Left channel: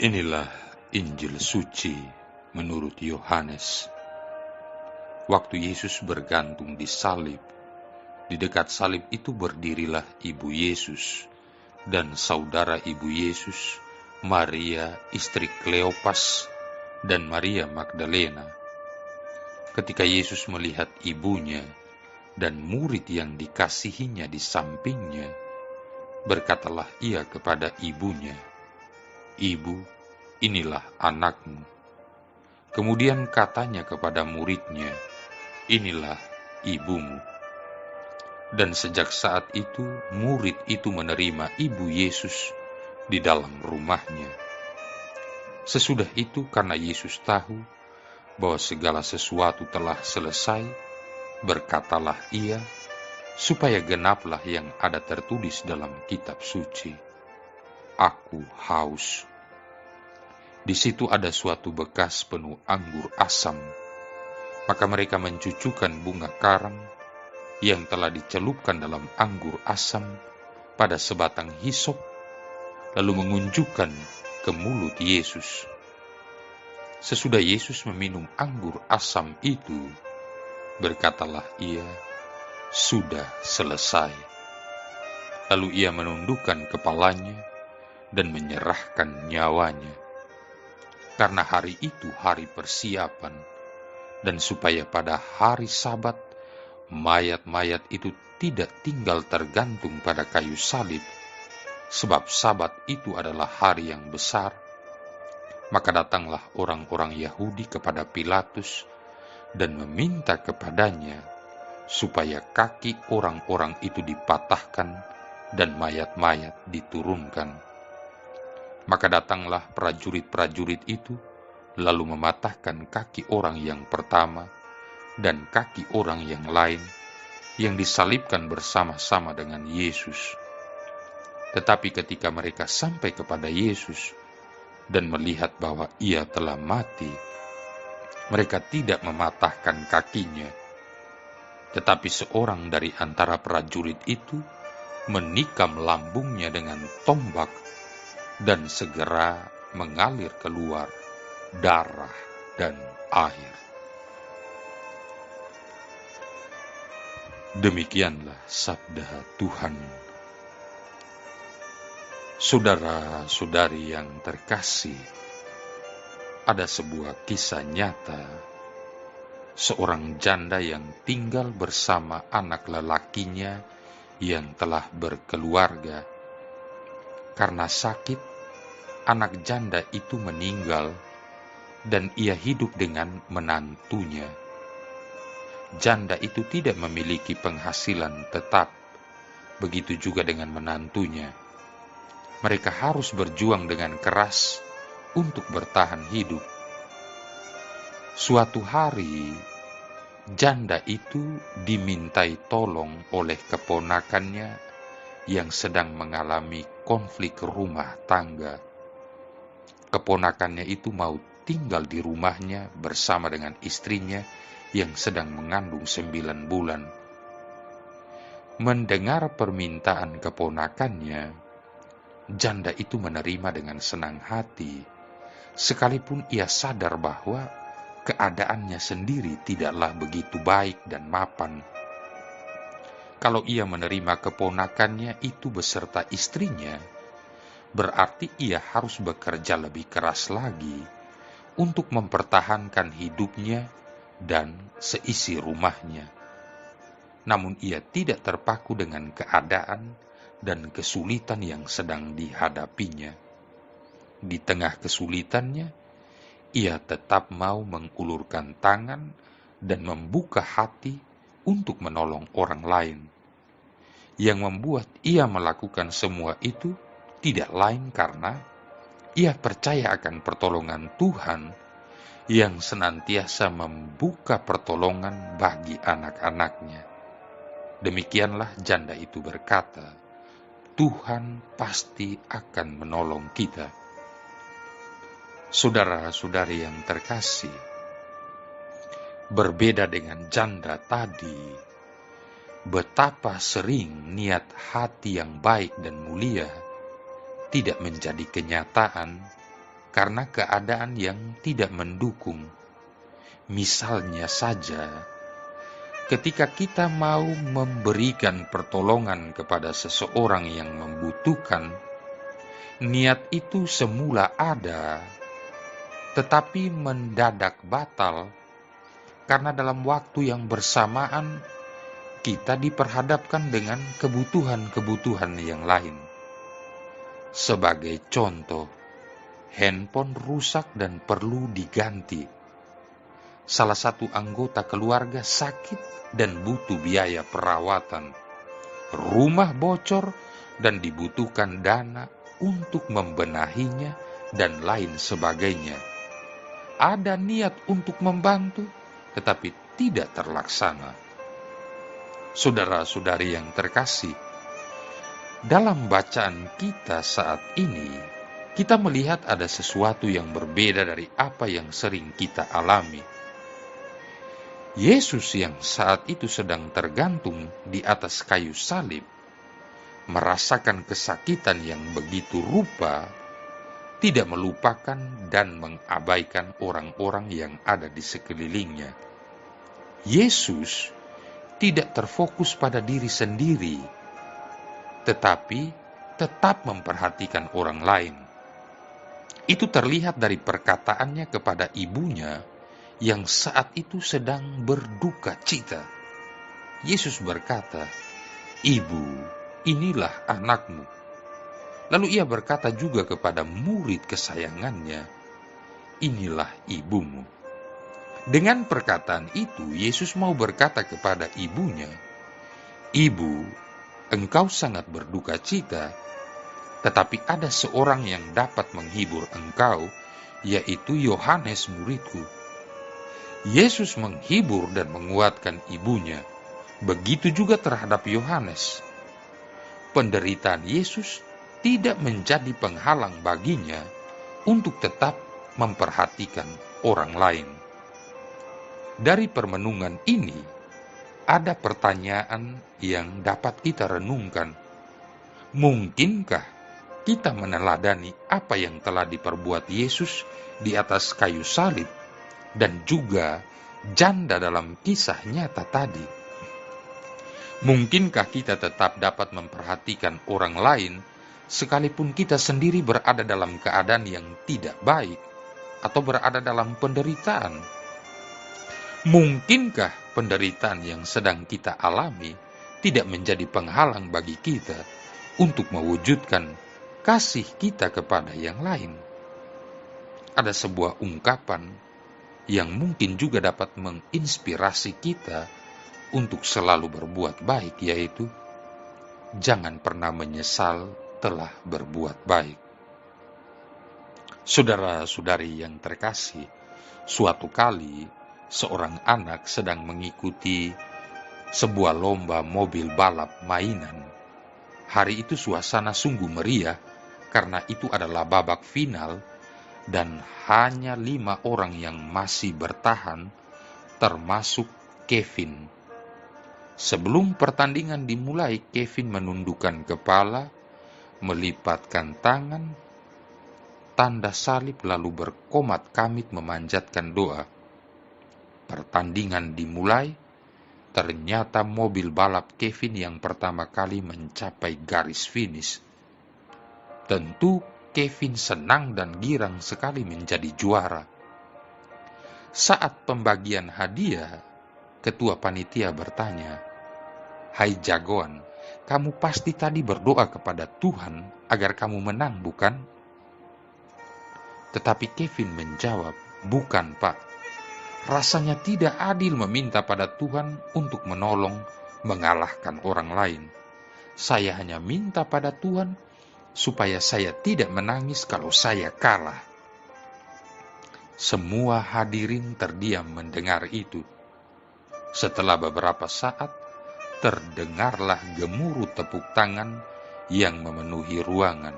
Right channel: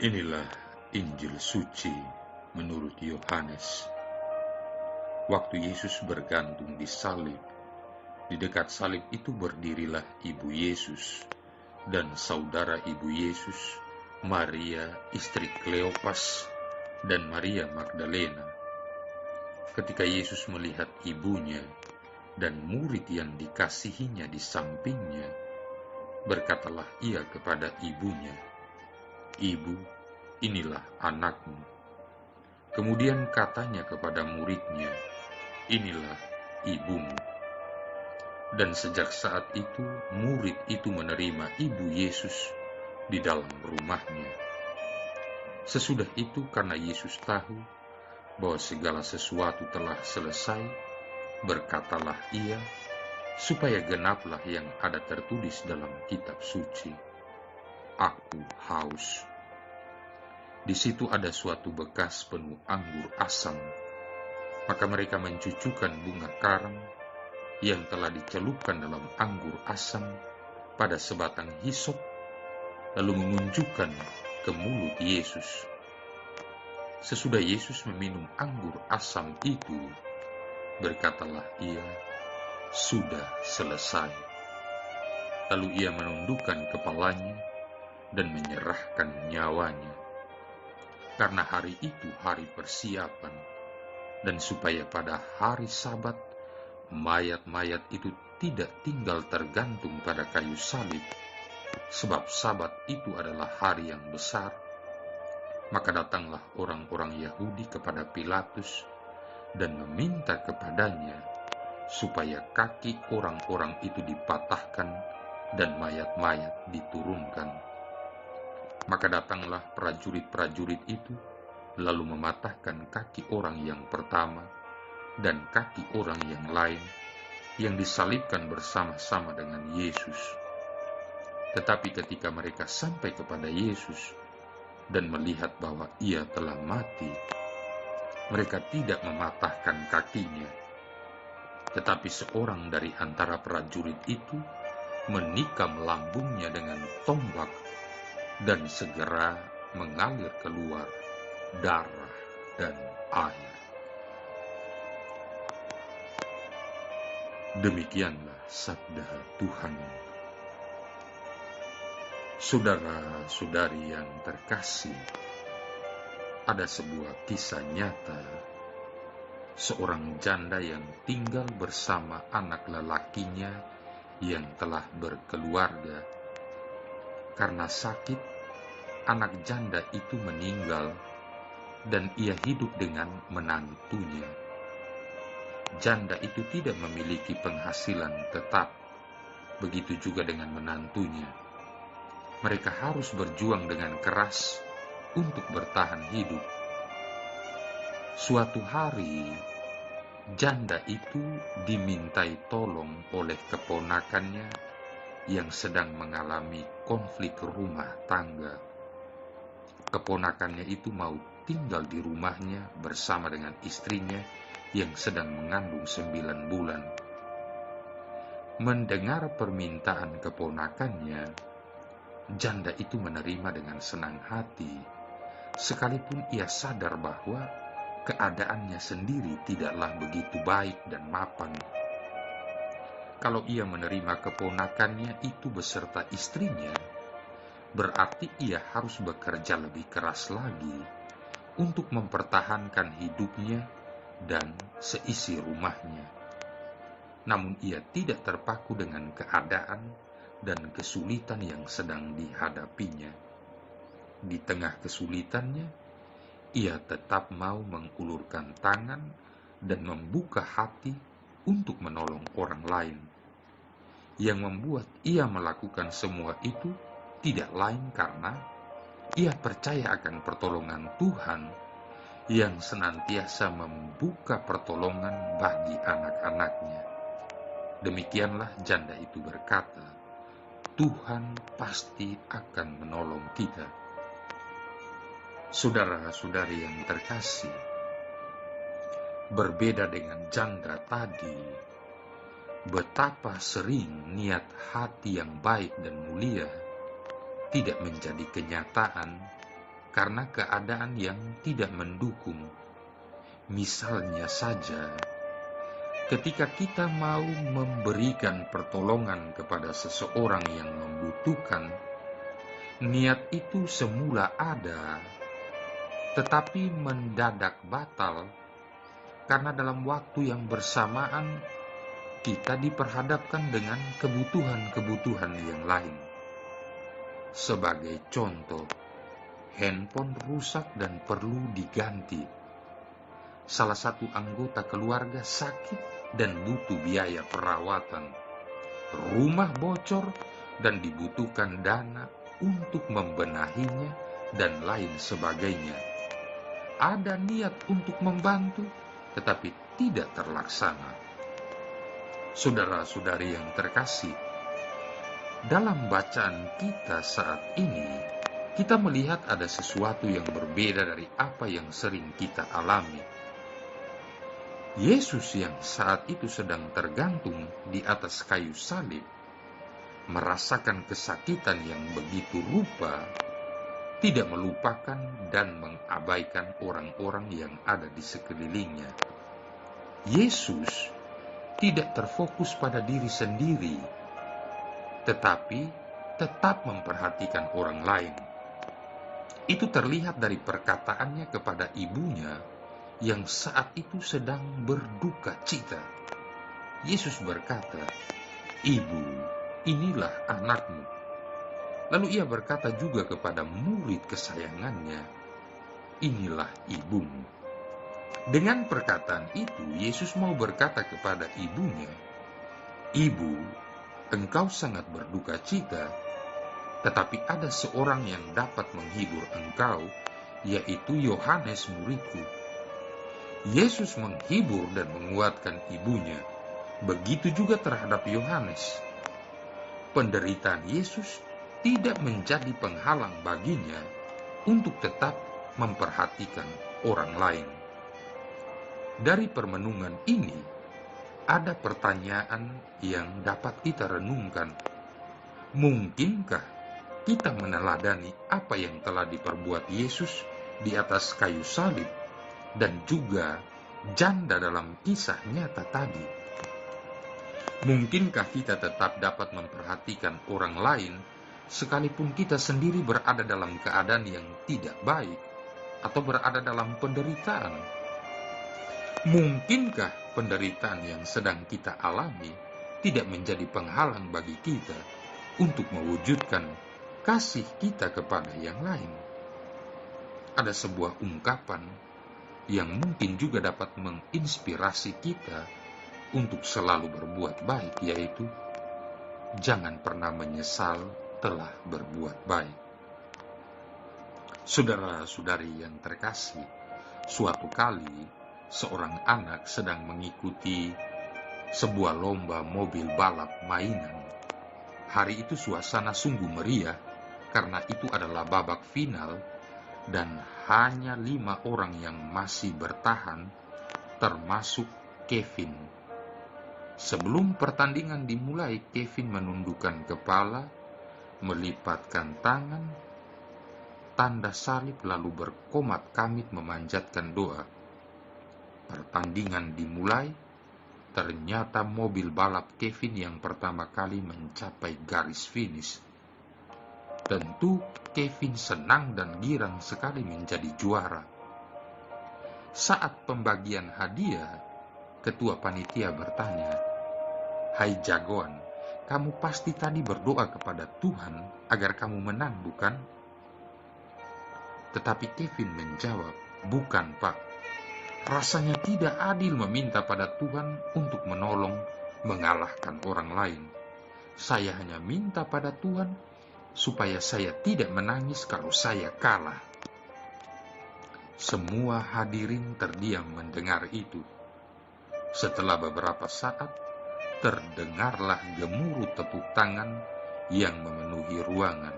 Inilah Injil suci menurut Yohanes. Waktu Yesus bergantung di salib, di dekat salib itu berdirilah ibu Yesus dan saudara ibu Yesus, Maria istri Kleopas dan Maria Magdalena. Ketika Yesus melihat ibunya dan murid yang dikasihinya di sampingnya, berkatalah ia kepada ibunya, "Ibu, inilah anakmu." Kemudian katanya kepada muridnya, "Inilah ibumu." Dan sejak saat itu, murid itu menerima ibu Yesus di dalam rumahnya. Sesudah itu, karena Yesus tahu bahwa segala sesuatu telah selesai, berkatalah ia, supaya genaplah yang ada tertulis dalam kitab suci, "Aku haus." Di situ ada suatu bekas penuh anggur asam. Maka mereka mencucukkan bunga karang yang telah dicelupkan dalam anggur asam pada sebatang hisop, lalu mengunjukkan ke mulut Yesus. Sesudah Yesus meminum anggur asam itu, berkatalah ia, "Sudah selesai." Lalu ia menundukkan kepalanya dan menyerahkan nyawanya. Karena hari itu hari persiapan, dan supaya pada hari Sabat mayat-mayat itu tidak tinggal tergantung pada kayu salib, sebab Sabat itu adalah hari yang besar, maka datanglah orang-orang Yahudi kepada Pilatus dan meminta kepadanya supaya kaki orang-orang itu dipatahkan dan mayat-mayat diturunkan. Maka datanglah prajurit-prajurit itu, lalu mematahkan kaki orang yang pertama dan kaki orang yang lain, yang disalibkan bersama-sama dengan Yesus. Tetapi ketika mereka sampai kepada Yesus dan melihat bahwa ia telah mati, mereka tidak mematahkan kakinya. Tetapi seorang dari antara prajurit itu menikam lambungnya dengan tombak, dan segera mengalir keluar darah dan air. Demikianlah sabda Tuhan. Saudara-saudari yang terkasih, ada sebuah kisah nyata seorang janda yang tinggal bersama anak lelakinya yang telah berkeluarga. Karena sakit, anak janda itu meninggal dan ia hidup dengan menantunya. Janda itu tidak memiliki penghasilan tetap, begitu juga dengan menantunya. Mereka harus berjuang dengan keras untuk bertahan hidup. Suatu hari, janda itu dimintai tolong oleh keponakannya yang sedang mengalami konflik rumah tangga. Keponakannya itu mau tinggal di rumahnya bersama dengan istrinya yang sedang mengandung 9 bulan. Mendengar permintaan keponakannya, janda itu menerima dengan senang hati, sekalipun ia sadar bahwa keadaannya sendiri tidaklah begitu baik dan mapan. Kalau ia menerima keponakannya itu beserta istrinya, berarti ia harus bekerja lebih keras lagi untuk mempertahankan hidupnya dan seisi rumahnya. Namun ia tidak terpaku dengan keadaan dan kesulitan yang sedang dihadapinya. Di tengah kesulitannya, ia tetap mau mengulurkan tangan dan membuka hati untuk menolong orang lain. Yang membuat ia melakukan semua itu tidak lain karena ia percaya akan pertolongan Tuhan yang senantiasa membuka pertolongan bagi anak-anaknya. Demikianlah janda itu berkata, "Tuhan pasti akan menolong kita." Saudara-saudari yang terkasih, berbeda dengan janda tadi, betapa sering niat hati yang baik dan mulia tidak menjadi kenyataan karena keadaan yang tidak mendukung. Misalnya saja, ketika kita mau memberikan pertolongan kepada seseorang yang membutuhkan, niat itu semula ada, tetapi mendadak batal karena dalam waktu yang bersamaan kita diperhadapkan dengan kebutuhan-kebutuhan yang lain. Sebagai contoh, handphone rusak dan perlu diganti. Salah satu anggota keluarga sakit dan butuh biaya perawatan. Rumah bocor dan dibutuhkan dana untuk membenahinya dan lain sebagainya. Ada niat untuk membantu, tetapi tidak terlaksana. Saudara-saudari yang terkasih, dalam bacaan kita saat ini, kita melihat ada sesuatu yang berbeda dari apa yang sering kita alami. Yesus yang saat itu sedang tergantung di atas kayu salib, merasakan kesakitan yang begitu rupa, tidak melupakan dan mengabaikan orang-orang yang ada di sekelilingnya. Yesus tidak terfokus pada diri sendiri, tetapi tetap memperhatikan orang lain. Itu terlihat dari perkataannya kepada ibunya yang saat itu sedang berduka cita. Yesus berkata, "Ibu, inilah anakmu." Lalu ia berkata juga kepada murid kesayangannya, "Inilah ibumu." Dengan perkataan itu, Yesus mau berkata kepada ibunya, "Ibu, engkau sangat berduka cita, tetapi ada seorang yang dapat menghibur engkau, yaitu Yohanes muridku." Yesus menghibur dan menguatkan ibunya. Begitu juga terhadap Yohanes. Penderitaan Yesus tidak menjadi penghalang baginya untuk tetap memperhatikan orang lain. Dari permenungan ini, ada pertanyaan yang dapat kita renungkan. Mungkinkah kita meneladani apa yang telah diperbuat Yesus di atas kayu salib dan juga janda dalam kisah nyata tadi? Mungkinkah kita tetap dapat memperhatikan orang lain sekalipun kita sendiri berada dalam keadaan yang tidak baik atau berada dalam penderitaan? Mungkinkah penderitaan yang sedang kita alami tidak menjadi penghalang bagi kita untuk mewujudkan kasih kita kepada yang lain? Ada sebuah ungkapan yang mungkin juga dapat menginspirasi kita untuk selalu berbuat baik, yaitu jangan pernah menyesal telah berbuat baik. Saudara-saudari yang terkasih, suatu kali seorang anak sedang mengikuti sebuah lomba mobil balap mainan. Hari itu suasana sungguh meriah karena itu adalah babak final dan hanya 5 orang yang masih bertahan, termasuk Kevin. Sebelum pertandingan dimulai, Kevin menundukkan kepala, melipatkan tangan, tanda salib, lalu berkomat kamit memanjatkan doa. Pertandingan dimulai. Ternyata mobil balap Kevin yang pertama kali mencapai garis finish. Tentu Kevin senang dan girang sekali menjadi juara. Saat pembagian hadiah, ketua panitia bertanya, "Hai jagoan, kamu pasti tadi berdoa kepada Tuhan agar kamu menang, bukan?" Tetapi Kevin menjawab, "Bukan, Pak. Rasanya tidak adil meminta pada Tuhan untuk menolong, mengalahkan orang lain. Saya hanya minta pada Tuhan supaya saya tidak menangis kalau saya kalah." Semua hadirin terdiam mendengar itu. Setelah beberapa saat, terdengarlah gemuruh tepuk tangan yang memenuhi ruangan.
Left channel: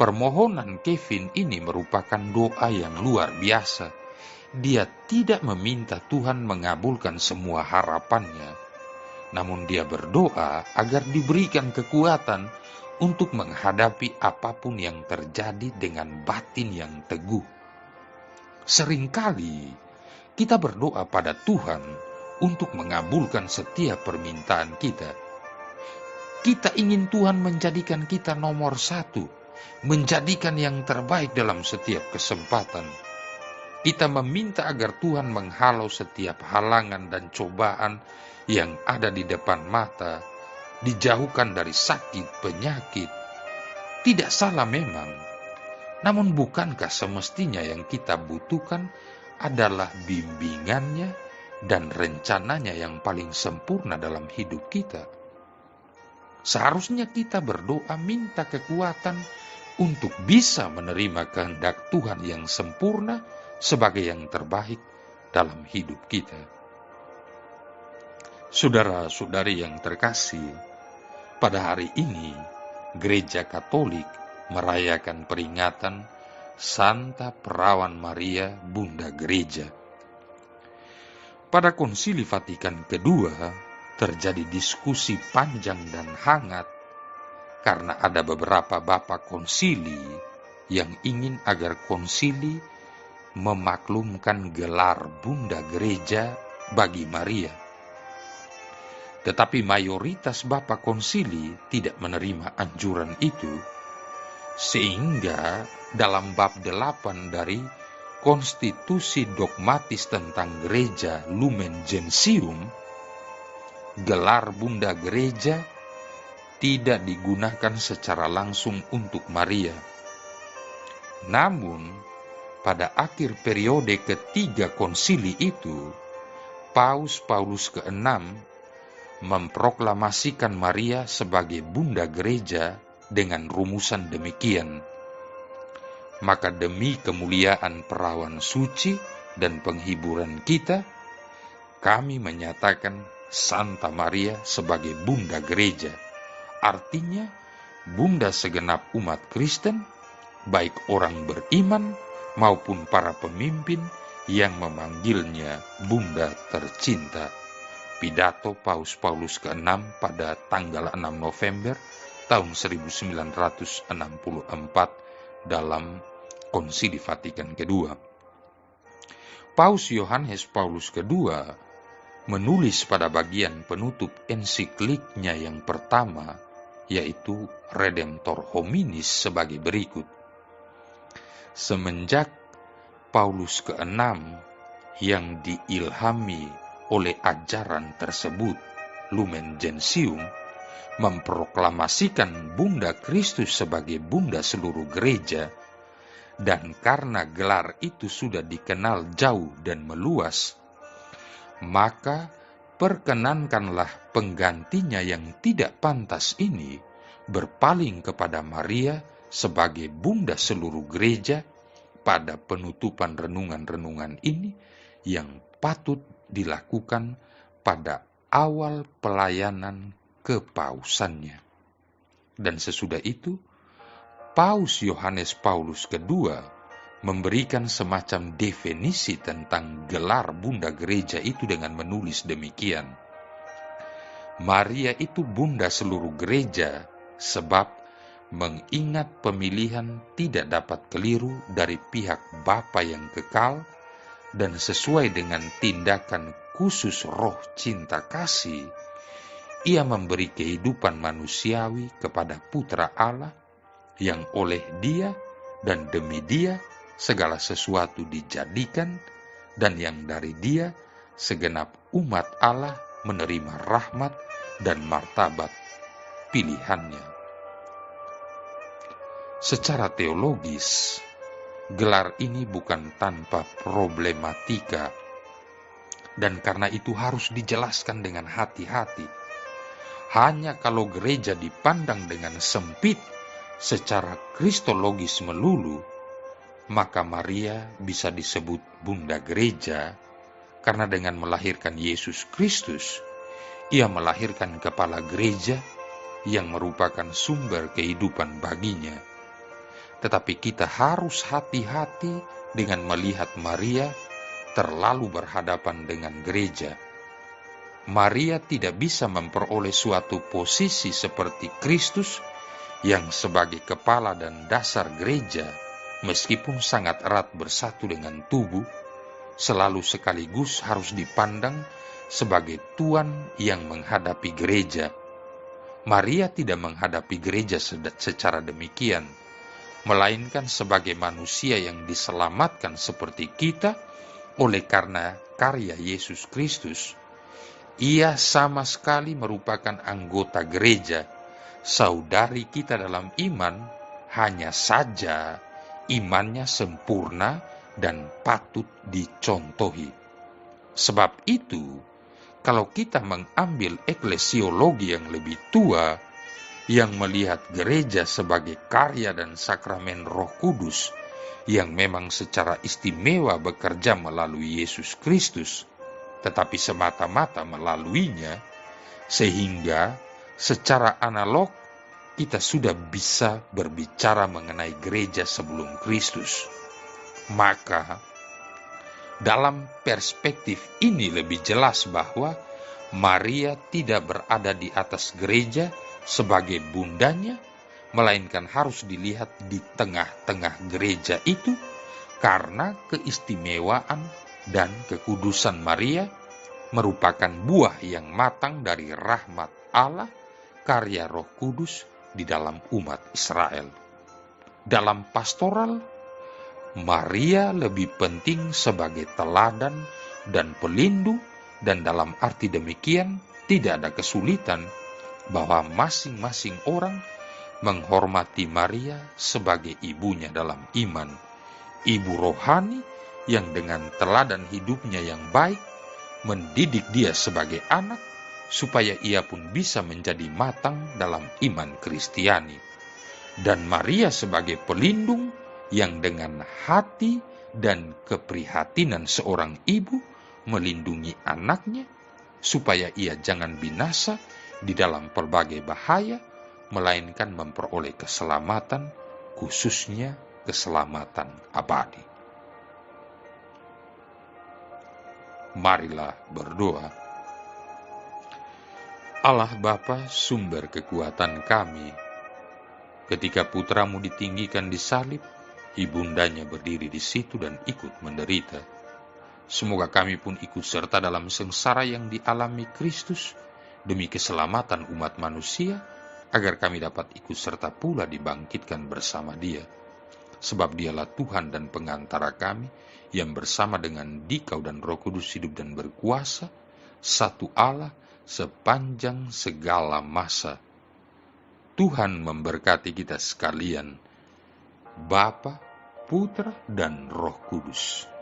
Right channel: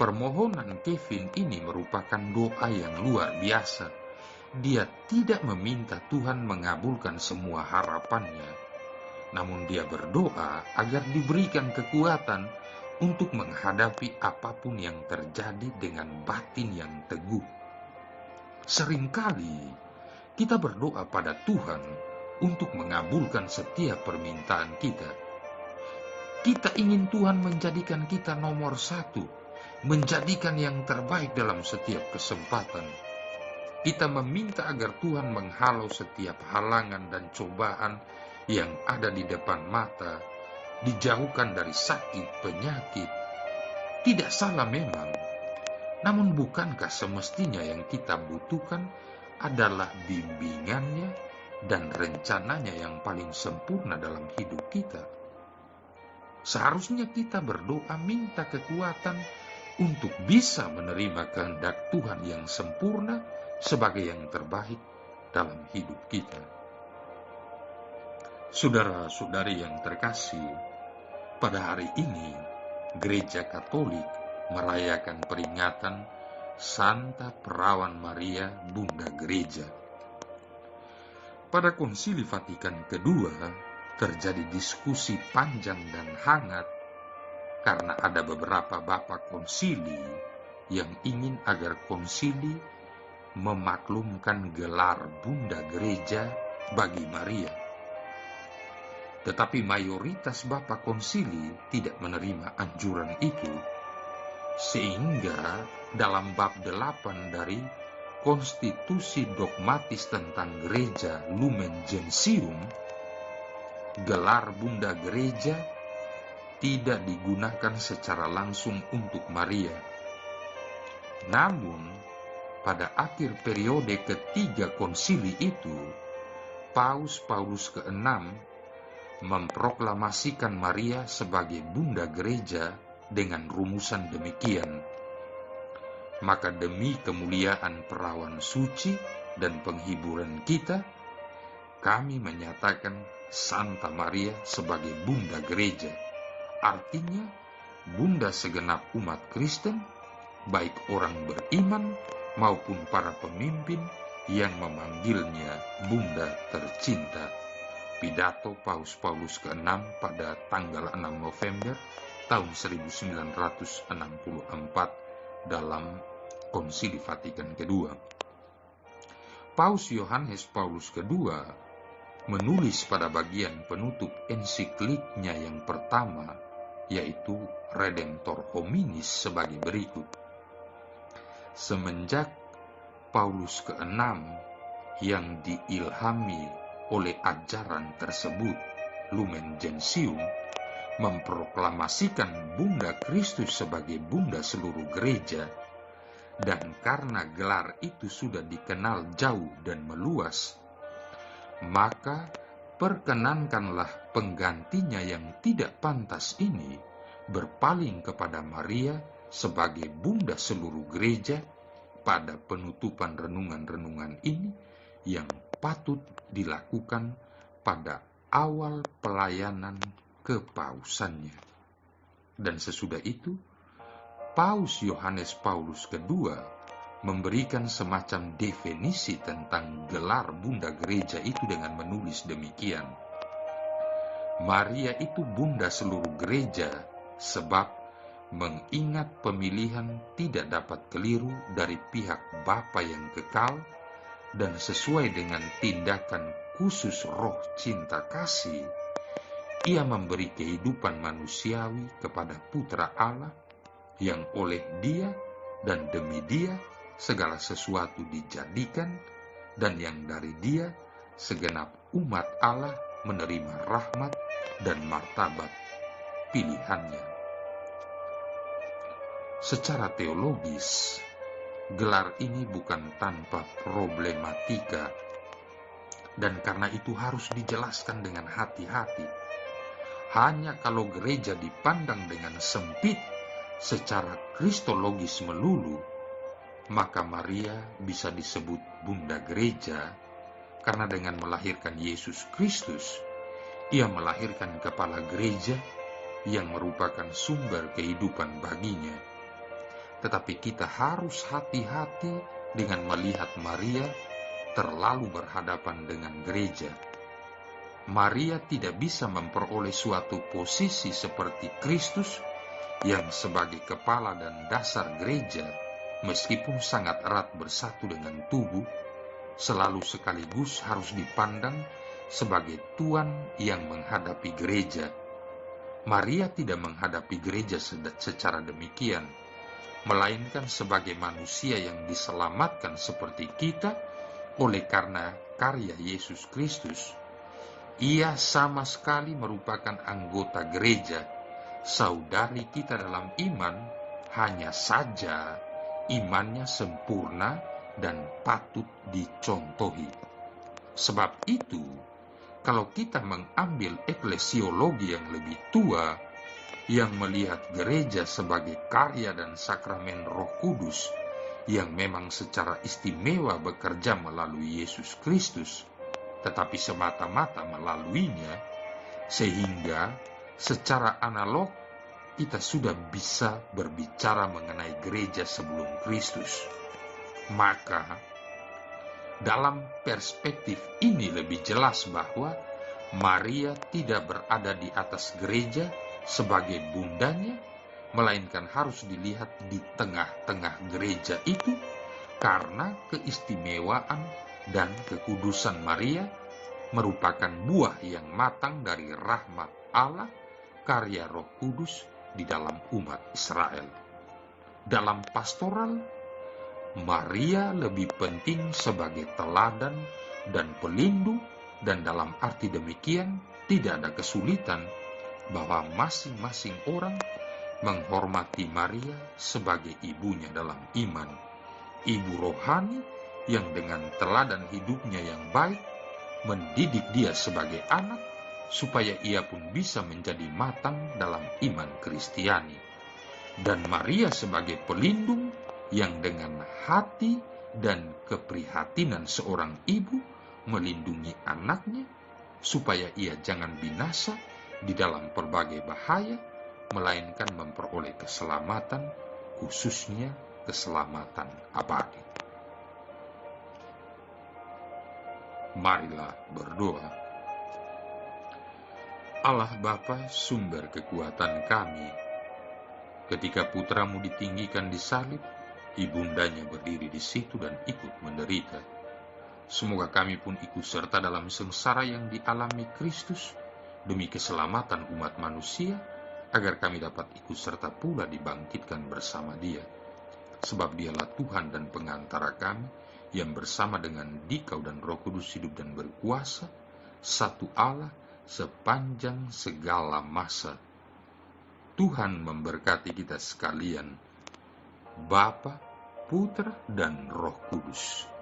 Permohonan Kevin ini merupakan doa yang luar biasa. Dia tidak meminta Tuhan mengabulkan semua harapannya, namun dia berdoa agar diberikan kekuatan untuk menghadapi apapun yang terjadi dengan batin yang teguh. Seringkali kita berdoa pada Tuhan untuk mengabulkan setiap permintaan kita. Kita ingin Tuhan menjadikan kita nomor satu, menjadikan yang terbaik dalam setiap kesempatan. Kita meminta agar Tuhan menghalau setiap halangan dan cobaan yang ada di depan mata, dijauhkan dari sakit, penyakit. Tidak salah memang, namun bukankah semestinya yang kita butuhkan adalah bimbingannya dan rencananya yang paling sempurna dalam hidup kita? Seharusnya kita berdoa minta kekuatan untuk bisa menerima kehendak Tuhan yang sempurna sebagai yang terbaik dalam hidup kita. Saudara-saudari yang terkasih, pada hari ini Gereja Katolik merayakan peringatan Santa Perawan Maria Bunda Gereja. Pada Konsili Vatikan kedua terjadi diskusi panjang dan hangat karena ada beberapa bapak konsili yang ingin agar konsili memaklumkan gelar Bunda Gereja bagi Maria. Tetapi mayoritas bapak konsili tidak menerima anjuran itu, sehingga dalam bab 8 dari Konstitusi Dogmatis tentang Gereja Lumen Gentium, gelar Bunda Gereja tidak digunakan secara langsung untuk Maria. Namun, pada akhir periode ketiga konsili itu, Paus Paulus ke-6 memproklamasikan Maria sebagai Bunda Gereja dengan rumusan demikian. Maka demi kemuliaan perawan suci dan penghiburan kita, kami menyatakan Santa Maria sebagai Bunda Gereja, artinya Bunda segenap umat Kristen, baik orang beriman maupun para pemimpin yang memanggilnya Bunda tercinta. Pidato Paus Paulus ke-6 pada tanggal 6 November tahun 1964 dalam Konsili Vatikan kedua. Paus Yohanes Paulus II menulis pada bagian penutup ensikliknya yang pertama, yaitu Redemptor Hominis, sebagai berikut. Semenjak Paulus ke-6 yang diilhami oleh ajaran tersebut, Lumen Gentium, memproklamasikan Bunda Kristus sebagai Bunda seluruh gereja, dan karena gelar itu sudah dikenal jauh dan meluas, maka perkenankanlah penggantinya yang tidak pantas ini berpaling kepada Maria sebagai Bunda seluruh gereja pada penutupan renungan-renungan ini yang patut dilakukan pada awal pelayanan kepausannya. Dan sesudah itu, Paus Yohanes Paulus II memberikan semacam definisi tentang gelar Bunda Gereja itu dengan menulis demikian. Maria itu Bunda seluruh gereja sebab mengingat pemilihan tidak dapat keliru dari pihak Bapa yang kekal dan sesuai dengan tindakan khusus roh cinta kasih, ia memberi kehidupan manusiawi kepada Putra Allah yang oleh Dia dan demi Dia segala sesuatu dijadikan, dan yang dari Dia segenap umat Allah menerima rahmat dan martabat pilihannya. Secara teologis, gelar ini bukan tanpa problematika, dan karena itu harus dijelaskan dengan hati-hati. Hanya kalau gereja dipandang dengan sempit secara kristologis melulu, maka Maria bisa disebut Bunda Gereja karena dengan melahirkan Yesus Kristus, ia melahirkan kepala gereja yang merupakan sumber kehidupan baginya. Tetapi kita harus hati-hati dengan melihat Maria terlalu berhadapan dengan gereja. Maria tidak bisa memperoleh suatu posisi seperti Kristus yang sebagai kepala dan dasar gereja, meskipun sangat erat bersatu dengan tubuh, selalu sekaligus harus dipandang sebagai tuan yang menghadapi gereja. Maria tidak menghadapi gereja secara demikian, melainkan sebagai manusia yang diselamatkan seperti kita oleh karena karya Yesus Kristus. Ia sama sekali merupakan anggota gereja, saudari kita dalam iman, hanya saja imannya sempurna dan patut dicontohi. Sebab itu, kalau kita mengambil eklesiologi yang lebih tua, yang melihat gereja sebagai karya dan sakramen Roh Kudus, yang memang secara istimewa bekerja melalui Yesus Kristus, tetapi semata-mata melaluinya, sehingga secara analog kita sudah bisa berbicara mengenai gereja sebelum Kristus. Maka dalam perspektif ini lebih jelas bahwa Maria tidak berada di atas gereja sebagai bundanya, melainkan harus dilihat di tengah-tengah gereja itu karena keistimewaan dan kekudusan Maria merupakan buah yang matang dari rahmat Allah, karya Roh Kudus di dalam umat Israel. Dalam pastoral, Maria lebih penting sebagai teladan dan pelindung, dan dalam arti demikian tidak ada kesulitan bahwa masing-masing orang menghormati Maria sebagai ibunya dalam iman, ibu rohani yang dengan teladan hidupnya yang baik mendidik dia sebagai anak supaya ia pun bisa menjadi matang dalam iman Kristiani. Dan Maria sebagai pelindung yang dengan hati dan keprihatinan seorang ibu melindungi anaknya supaya ia jangan binasa di dalam berbagai bahaya, melainkan memperoleh keselamatan, khususnya keselamatan abadi. Marilah berdoa. Allah Bapa, sumber kekuatan kami, ketika putramu ditinggikan di salib, ibundanya berdiri di situ dan ikut menderita. Semoga kami pun ikut serta dalam sengsara yang dialami Kristus demi keselamatan umat manusia, agar kami dapat ikut serta pula dibangkitkan bersama Dia. Sebab Dialah Tuhan dan pengantara kami, yang bersama dengan Dikau dan Roh Kudus hidup dan berkuasa, satu Allah sepanjang segala masa. Tuhan memberkati kita sekalian, Bapa, Putra, dan Roh Kudus.